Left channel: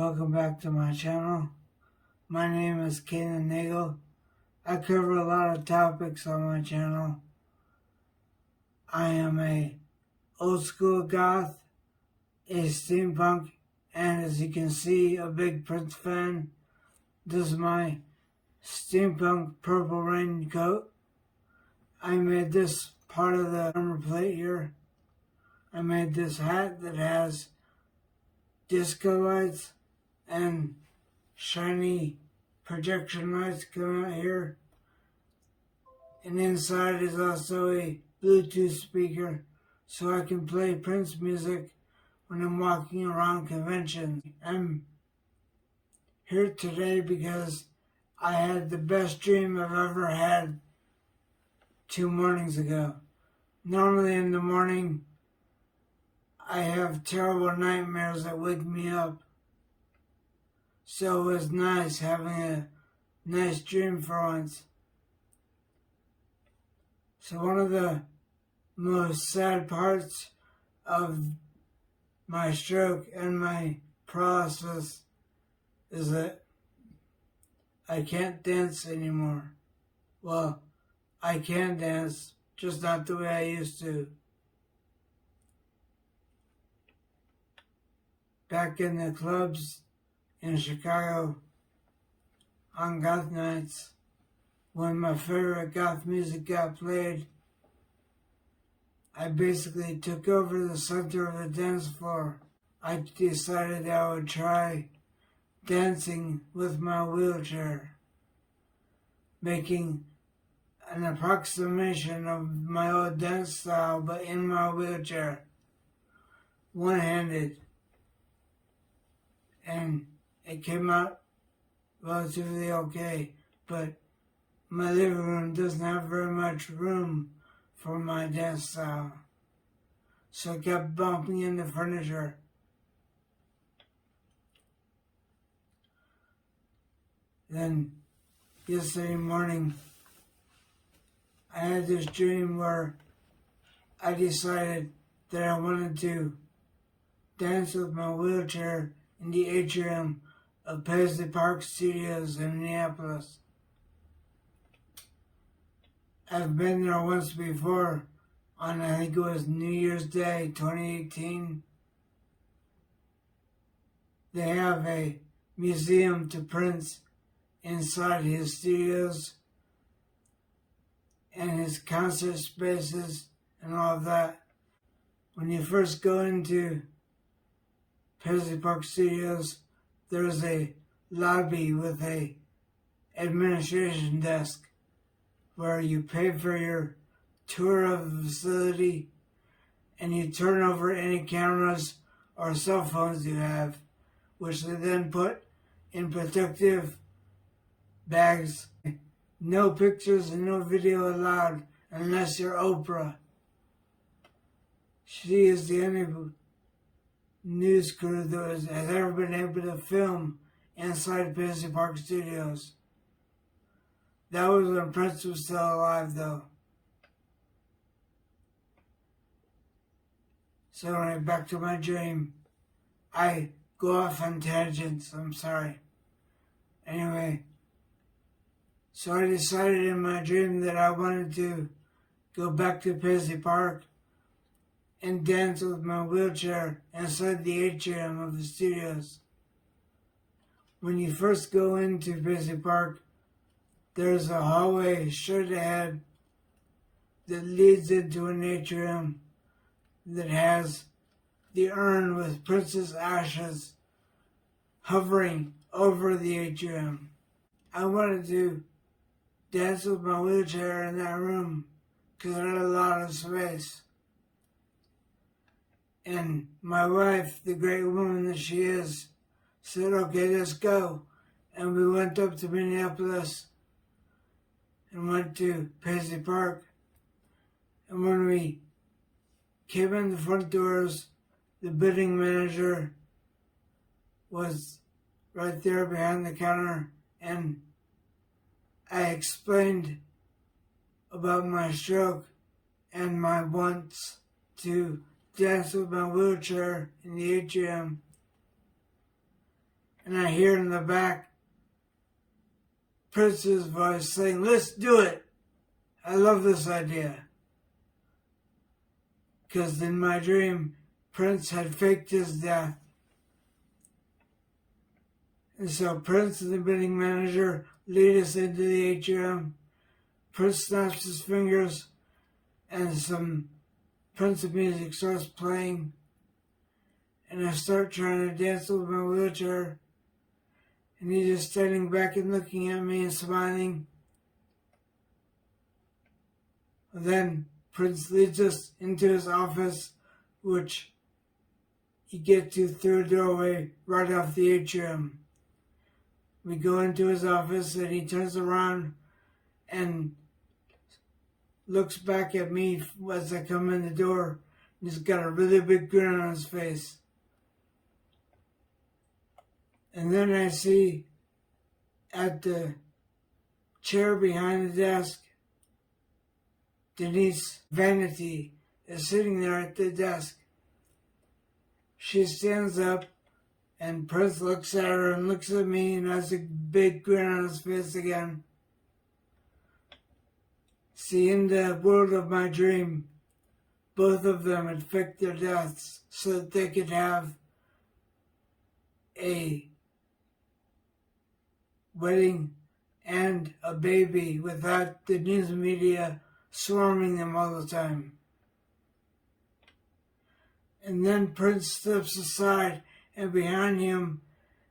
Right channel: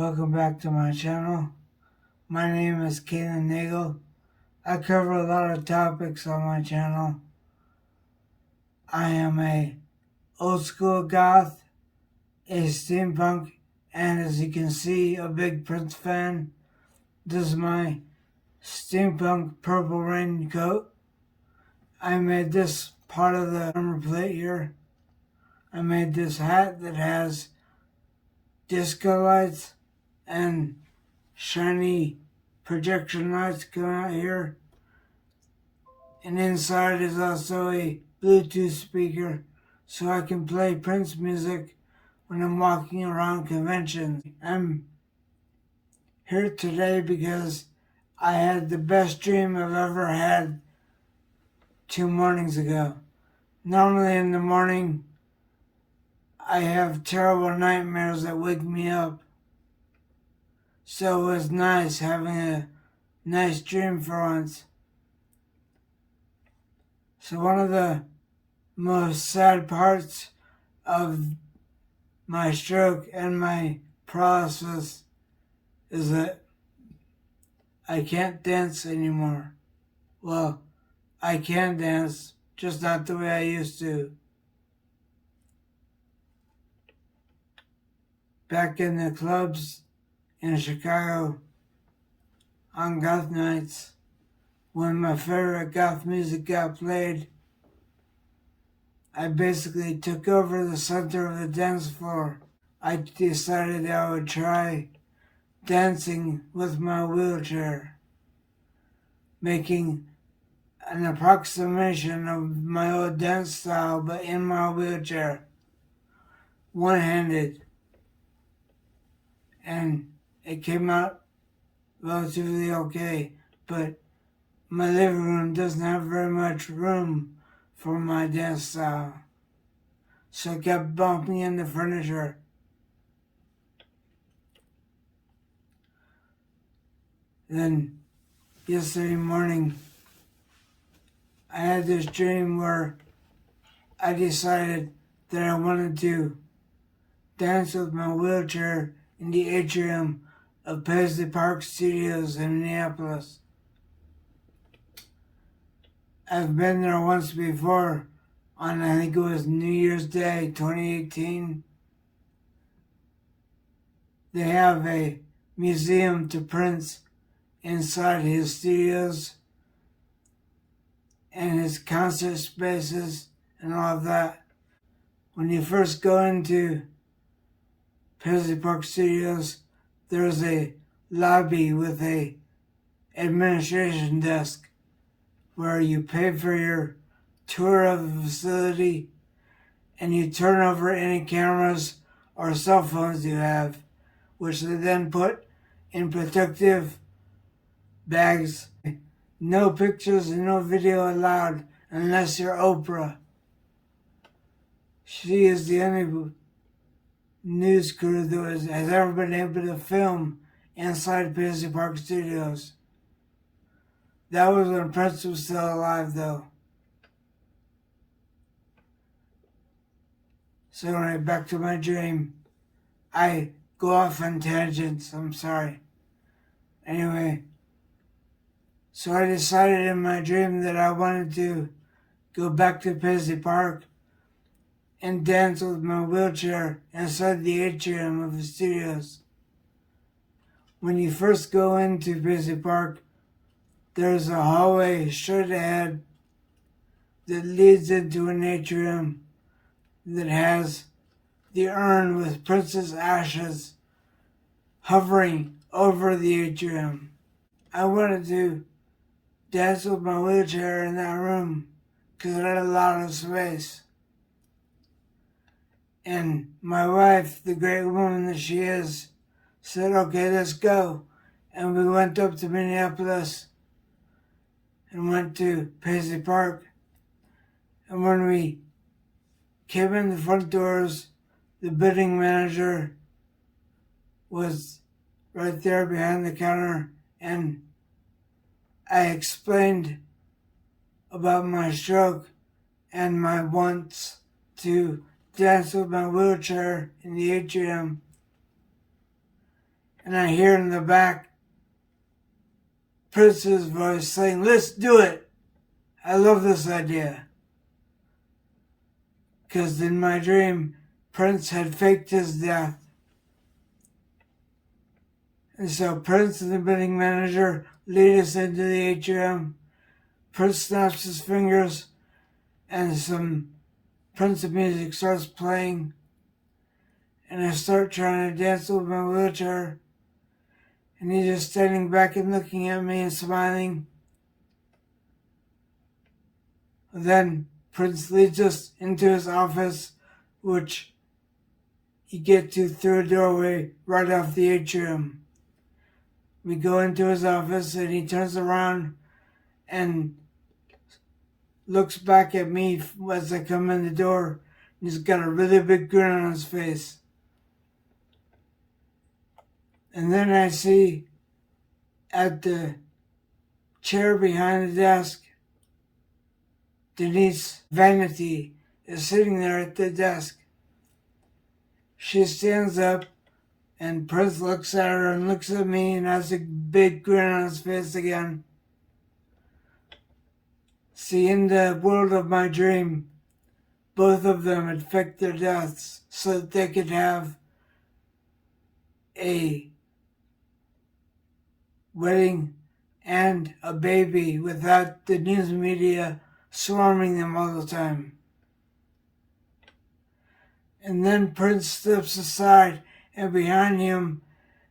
Welcome back to my channel. My name is Kaylan Nagel. I cover a lot of topics on my channel. I am a old school goth, a steampunk, and as you can see, a big Prince fan. This is my steampunk purple raincoat. I made this part of the armor plate here. I made this hat that has disco lights and shiny projection lights coming out here. And inside is also a Bluetooth speaker so I can play Prince music when I'm walking around conventions. I'm here today because I had the best dream I've ever had 2 mornings ago. Normally in the morning, I have terrible nightmares that wake me up. So it was nice having a nice dream for once. So one of the most sad parts of my stroke and my paralysis is that I can't dance anymore. Well, I can dance, just not the way I used to. Back in the clubs in Chicago on goth nights, when my favorite goth music got played, I basically took over the center of the dance floor. I decided I would try dancing with my wheelchair, making an approximation of my old dance style, but in my wheelchair, one-handed. And it came out relatively okay, but my living room doesn't have very much room for my dance style, so I kept bumping into furniture. Then yesterday morning, I had this dream where I decided that I wanted to dance with my wheelchair in the atrium of Paisley Park Studios in Minneapolis. I've been there once before on, I think it was New Year's Day 2018. They have a museum to Prince inside his studios and his concert spaces and all of that. When you first go into Paisley Park Studios, there's a lobby with a administration desk where you pay for your tour of the facility and you turn over any cameras or cell phones you have, which they then put in protective bags. No pictures and no video allowed unless you're Oprah. She is the only news crew that has ever been able to film inside Paisley Park Studios. That was when Prince was still alive, though. So anyway, back to my dream. I go off on tangents, I'm sorry. Anyway, so I decided in my dream that I wanted to go back to Paisley Park and dance with my wheelchair inside the atrium of the studios. When you first go into Paisley Park, there's a hallway straight ahead that leads into an atrium that has the urn with Prince's ashes hovering over the atrium. I wanted to dance with my wheelchair in that room because it had a lot of space. And my wife, the great woman that she is, said, okay, let's go. And we went up to Minneapolis and went to Paisley Park. And when we came in the front doors, the bidding manager was right there behind the counter, and I explained about my stroke and my wants to dance with my wheelchair in the atrium. and I hear in the back Prince's voice saying, "Let's do it." I love this idea. Because in my dream, Prince had faked his death. And so Prince and the bidding manager lead us into the atrium. Prince snaps his fingers and some Prince music starts playing. And I start trying to dance with my wheelchair. And he's just standing back and looking at me and smiling. Then Prince leads us into his office, which you get to through a doorway right off the atrium. We go into his office and he turns around and looks back at me as I come in the door. He's got a really big grin on his face. And then I see at the chair behind the desk, Denise Vanity is sitting there at the desk. She stands up and Prince looks at her and looks at me and has a big grin on his face again. See, in the world of my dream, both of them had faked their deaths so that they could have a wedding and a baby without the news media swarming them all the time. And then Prince steps aside, and behind him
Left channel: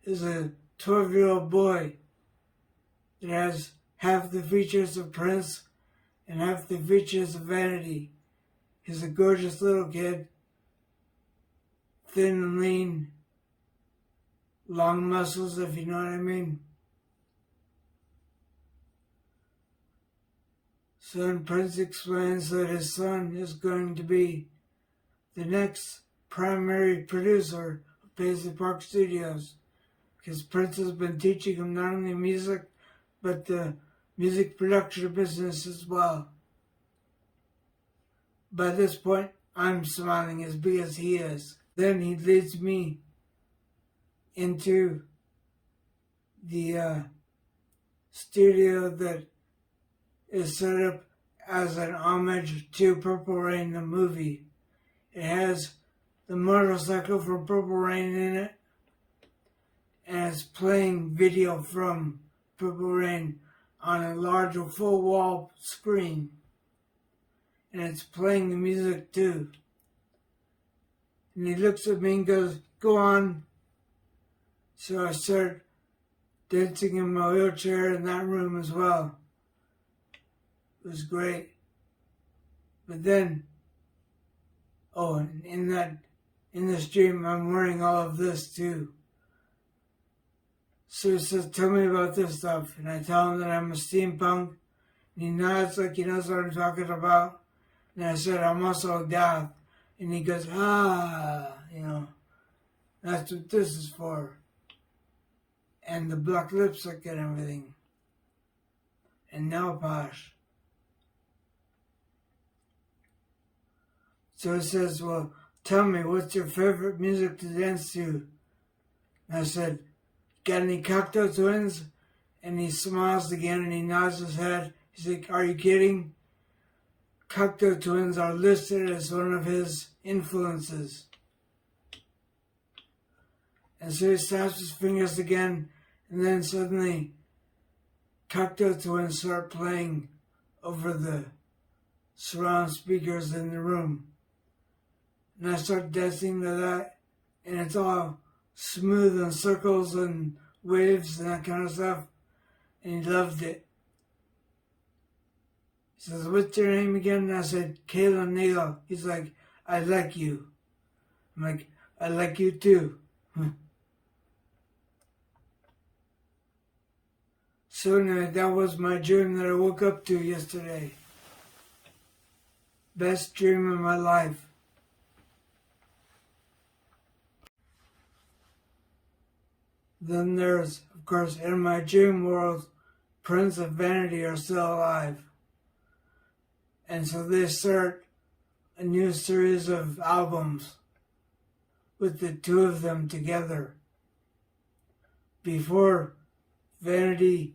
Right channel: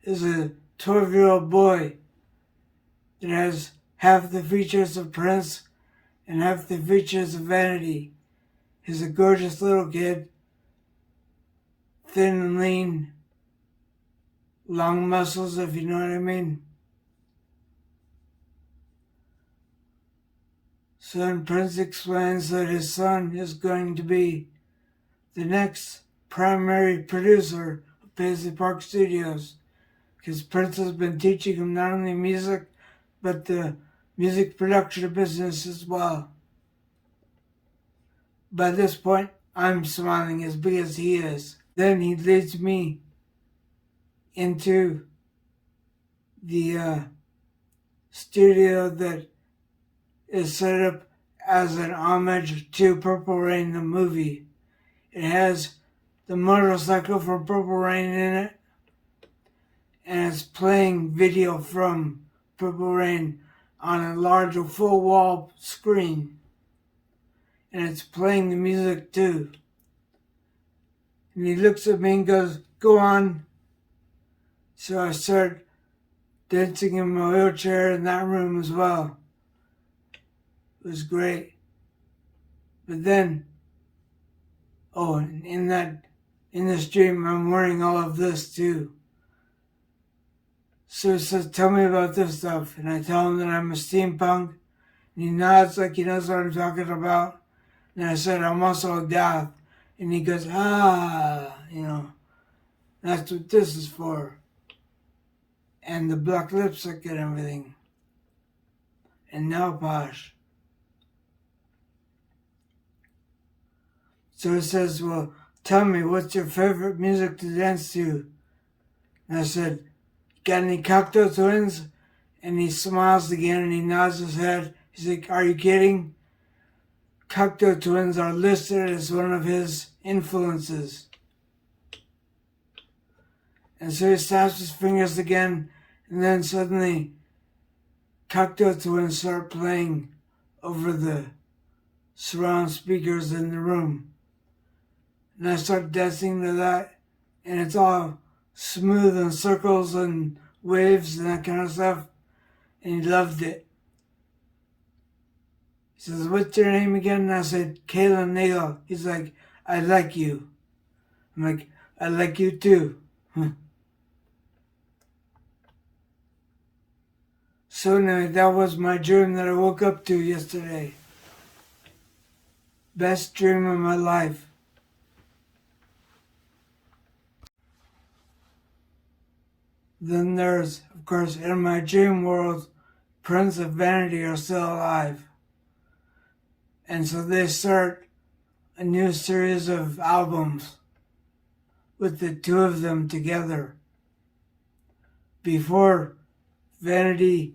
is a 12-year-old boy that has half the features of Prince and half the features of Vanity. He's a gorgeous little kid, thin and lean, long muscles, if you know what I mean. So then Prince explains that his son is going to be the next primary producer of Paisley Park Studios, because Prince has been teaching him not only music, but the music production business as well. By this point, I'm smiling as big as he is. Then he leads me into the studio that is set up as an homage to Purple Rain, the movie. It has the motorcycle from Purple Rain in it, and it's playing video from Purple Rain on a large full wall screen. And it's playing the music too. And he looks at me and goes, "Go on." So I start dancing in my wheelchair in that room as well. It was great. But then, in this dream, I'm wearing all of this too. So he says, "Tell me about this stuff." And I tell him that I'm a steampunk. And he nods like he knows what I'm talking about. And I said, "I'm also a goth." And he goes, that's what this is for. And the black lipstick and everything. And nail polish. So he says, "Well, tell me, what's your favorite music to dance to?" And I said, "Got any Cocteau Twins?" And he smiles again and he nods his head. He's like, "Are you kidding?" Cocteau Twins are listed as one of his influences. And so he snaps his fingers again, and then suddenly Cocteau Twins start playing over the surround speakers in the room. And I start dancing to that, and it's all smooth and circles and waves and that kind of stuff. And he loved it. He says, "What's your name again?" And I said, "Kayla Nagel." He's like, "I like you." I'm like, "I like you too." So anyway, that was my dream that I woke up to yesterday. Best dream of my life. Then there's, of course, in my dream world, Prince and Vanity are still alive. And so they start a new series of albums with the two of them together. before Vanity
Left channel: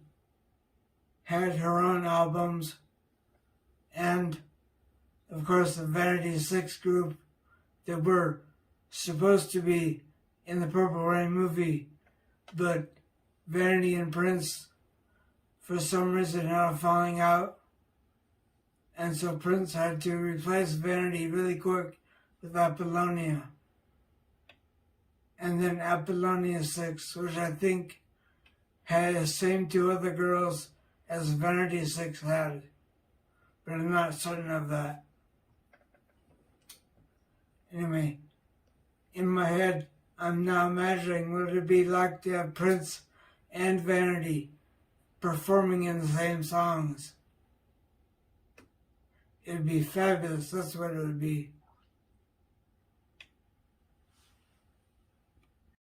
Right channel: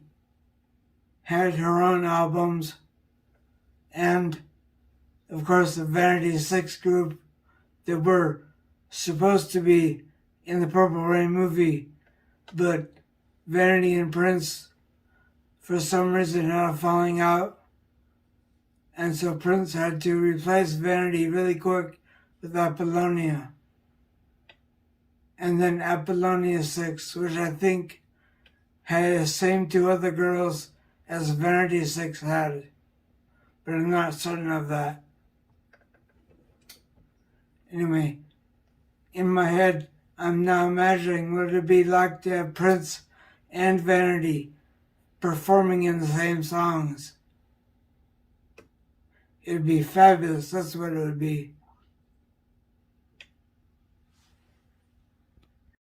had her own albums, and of course the Vanity Six group that were supposed to be in the Purple Rain movie, but Vanity and Prince for some reason had a falling out, and so Prince had to replace Vanity really quick with Apollonia. And then Apollonia 6, which I think had the same two other girls as Vanity 6 had, but I'm not certain of that. Anyway, in my head, I'm now imagining what it would be like to have Prince and Vanity performing in the same songs. It would be fabulous, that's what it would be.